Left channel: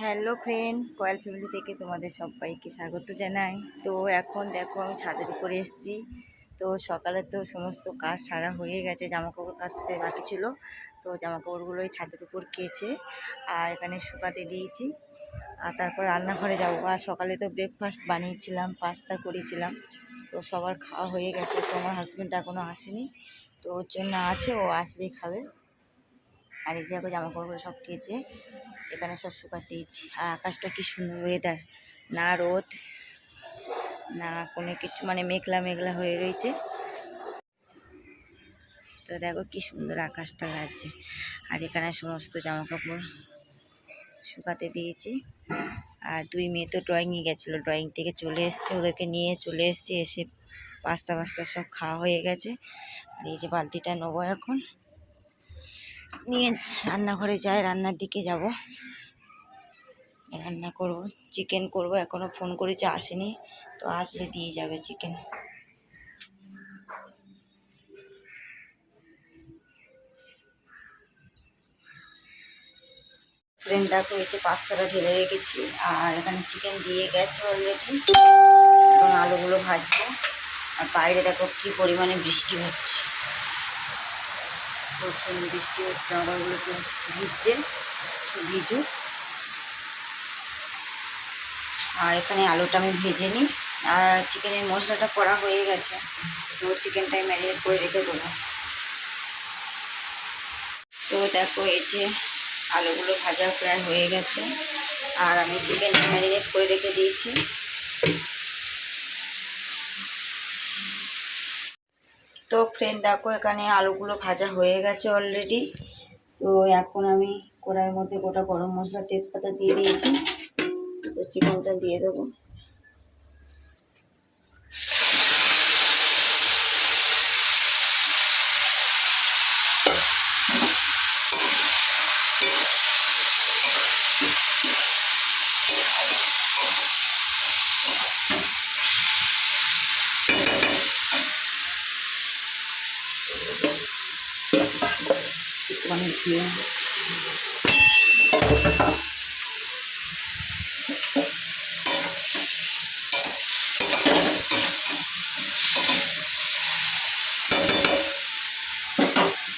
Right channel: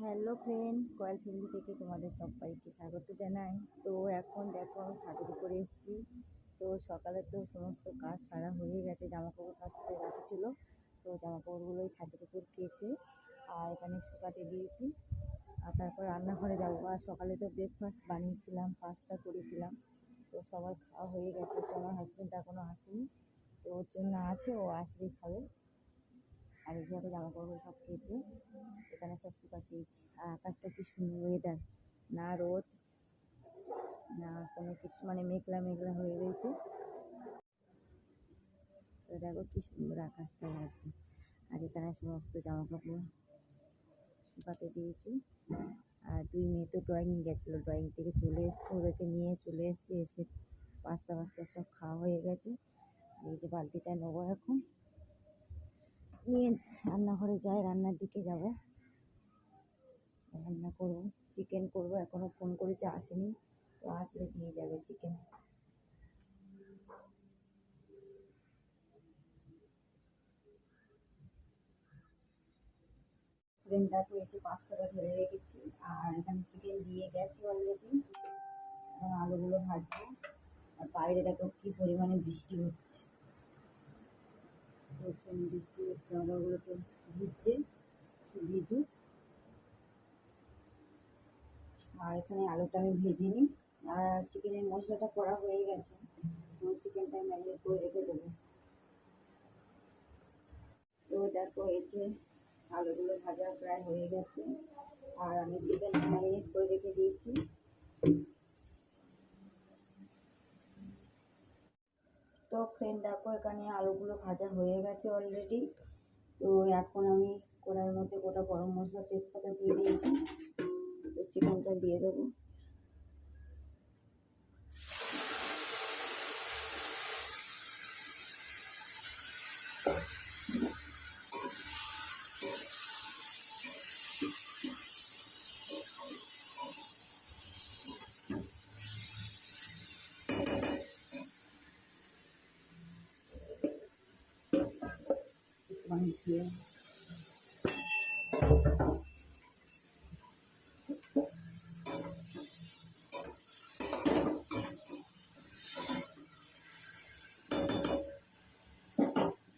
Hello friend coil family থেকে তোমাদের সবাইকে স্বাগত জানাই। তো এখন দেখো আমি ছাদের উপরে এসেছি। তো সকালে তো সমস্ত কাজ সারা হয়ে গেছে জামা কাপড় কাচতে বাকি ছিল। তো জামা কাপড়গুলো ওই ছাদের উপর কেচে আর এখানে শুকাতে দিয়েছি। আর তারপর রান্নাঘরে যাব। আর সকালে তো ব্রেকফাস্ট বানিয়েছিলাম পাস্তা করেছিলাম। তো সবার খাওয়া হয়ে গেছে। তো আমার হাজব্যান্ড এখনও আসেনি। তো ওর জন্য আছে, ও আসলেই খাবে। আর এই দেখো জামা কাপড়গুলো সব কেচে এখানে সব শুকাতে দিয়েছি আর আকাশটা কি সুন্দর ওয়েদার না রোদ, না কোনো কিছু মানে মেঘলা মেঘলা হয়ে রয়েছে। তো দেখো কি সুন্দর আকাশটা লাগছে। আর এখানে সমস্ত জামা কাপড় শুকাতে দিয়েছি। আর দুই মেয়ে তো ড্রয়িংয়ে গেছিল। ড্রয়িং থেকে চলে এসছে, ওদেরকে নিয়ে চলে এসছে, এসে পাস্তা পাস্তা সব খাওয়া হয়ে গেছে। আর এই যে বালতিটা নেব এখন। নিয়ে রান্নাঘরে যাই, রান্নার দিকে যাব। রান্না করব চিকেন করব, এখনও ফোন করেছে আসেনি, তো আসলে দিয়ে যাবে চিকেন ফ্রেন্ড দেখো যে পাস্তাটা ঢেলে রেখেছি, আর এখানে চিকেন দিয়ে গেছে অলরেডি এখন আলুগুলো ভাজবো। আর বাইরে দেখো কি পরিমাণে বৃষ্টি হচ্ছে। প্রচুর বৃষ্টি হচ্ছে আমারগুলো তো ভিজছে ভিজুক আর এখানে আলুটা আমি ভেজে নিই। আর চিকেনের মশলাটা করা হয়ে গেছে, তো চিকেনটাই ম্যারিনেট করে রেখে দেবো। তো দেখো, এই যে আলুগুলো ভাজা প্রায় হয়ে গেছে, আর আমি চিকেনটা ম্যারিনেট করে রেখে দিয়েছি তো ফ্রেন্ড দেখো, এখানে আলুগুলো ভাজা হয়ে গেছে অলরেডি তো এখন আমি কড়াইয়ের মধ্যে গোটা গরম মশলা, তেজপাতা দিয়ে দিয়েছি। তো চিকেনটা দিয়ে দেবো। দিয়ে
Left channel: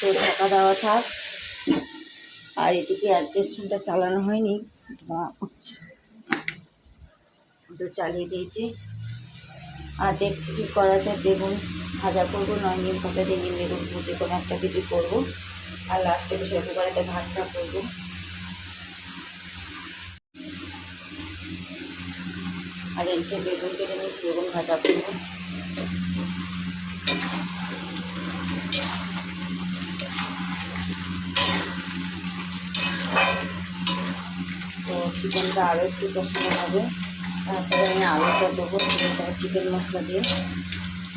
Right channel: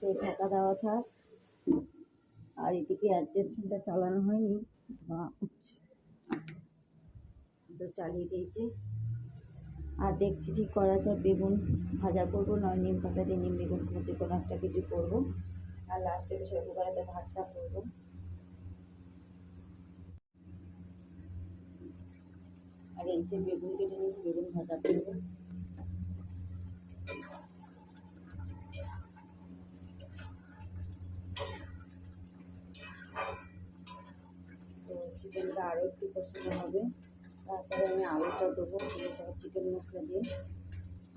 তো ঢাকা দেওয়া থাক। আর এদিকে অ্যাডজাস্টমেন্টটা চালানো হয়নি, ধোঁয়া তো চালিয়ে দিয়েছি। আর দেখছি কি করা যায়, বেগুন ভাজা করব, নয় নিম পাতা দিয়ে নিম বেগুন যে কোনো একটা কিছু করব। আর লাস্টে প্রেশার কুকারেতে ভাতটা করব। আর এই যে বেগুন কেটে নিয়েছি, বেগুন ভাজা করব। তো চিকেনটা আরও একটু কষানো হবে। তারপরে আমি আলুটা দেবো, চিকেন মশলা দিয়ে।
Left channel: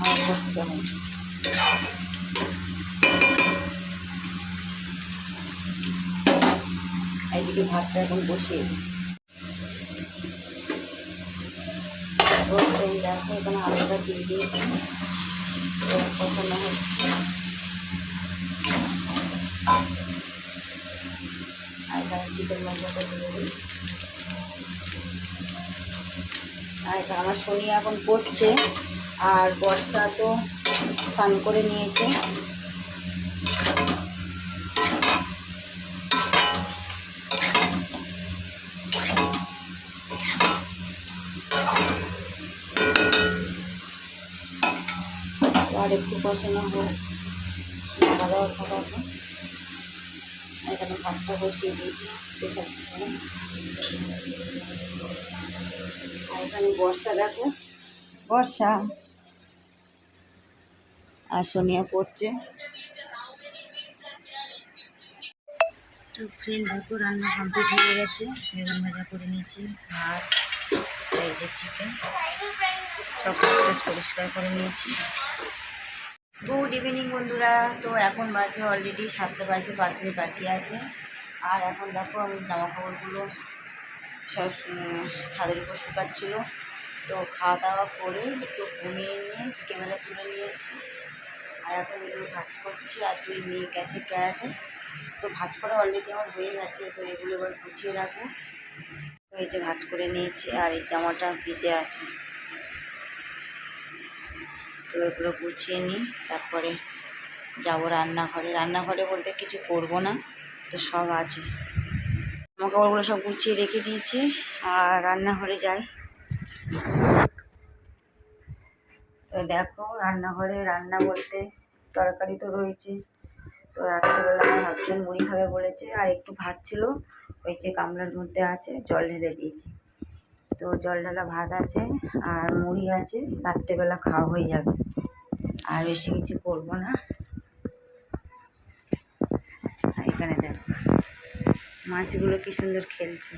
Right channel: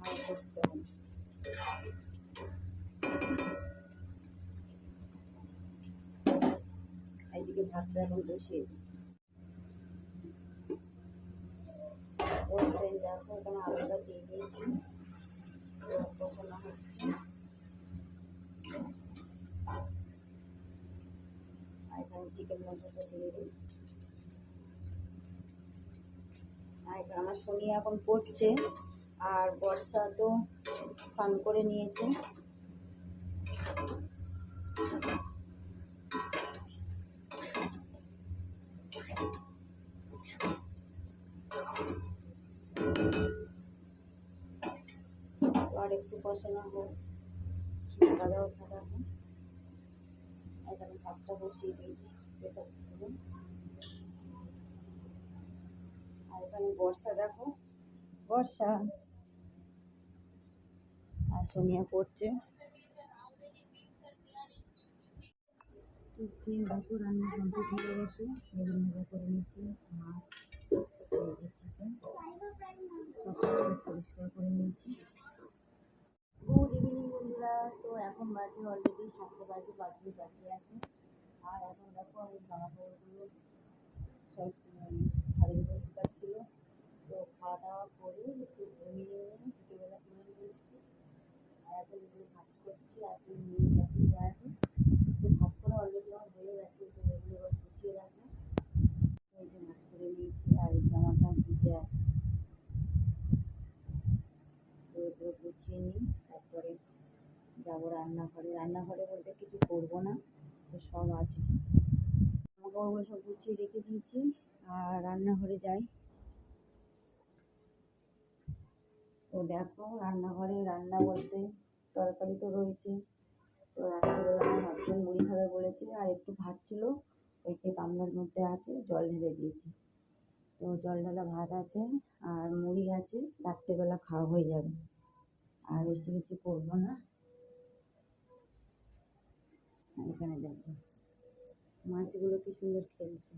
আর কষতে হবে। এইদিকে ভাতটা এখন এই দেখো, এখানে আলুটা দিয়ে দিয়েছি। কষানো হচ্ছে। আর চিকেন মশলাটা দিয়ে দিই। আর আমার শনি এখন পড়ছে আর বর্ষা তো স্নান করে নিয়েছে। আর একটু কষানো হোক খাওয়া দাওয়া এখানে ভাতটা বসিয়ে দিয়েছি প্রেশার কুকারে। আর এখানে বর্ষা দেখো। বর্ষা। আর সোনিয়া পড়ছে। তো ফ্রেন্ড দেখো রান্না কমপ্লিট হয়ে গেছে। বেগুন ভাজা করে নিয়েছি ভাত এই যে চিকেন সব পরিষ্কার করে নিয়েছি। গুড ইভিনিং বন্ধুরা। তো এখন বাজে অলরেডি সাতটা বাজতে পাঁচ মিনিট বাকি আছে। আর এখন দেখো, আমি জামা কাপড়গুলো সব ছাদের উপর শুকাচ্ছিলো। তো খাওয়া দাওয়া করে একটু ঘুমিয়ে নিয়ে ক্যামেরা তুলে নিয়ে এসেছি। আর এখন এগুলো ভাজ করছি, আর তুই নিয়ে গেছে ক্যারাটে। তো ভাজ করা অলরেডি আমার হয়ে গেছে, তো এগুলো এবার গুছিয়ে রাখব। এই যে ভাজ করে নিয়েছি, আর এই জামাটা ভিজে আছে। তো এগুলো গুছিয়ে নিই, তারপরে যাব রান্নাঘরে। রান্নাঘরে বলতে কিছু করব না, তো সব আছে। জামা কাপড়গুলো সব গুছিয়ে রেখে দিয়েছি, আর রান্নাঘরে যাই। তো দেখো, রান্নাঘরে রান্না বলতে তরকারি তো রয়েছে। তো রাত্রিবেলা আমার হাজবেন্ড মুড়ি খাবে বলেছে, আর একটু ভাত ছিল, ওই যে গামলার মধ্যে আছে, জল ঢেলে দিয়েছি। তো জল ঢালা ভাত আছে আর মুড়ি আছে, রাত্রেবেলা খাওয়া হয়ে যাবে। আর বেশি কিছু করব না। এখানে দেখো, মাছগুলো কি সুন্দর খেলছে।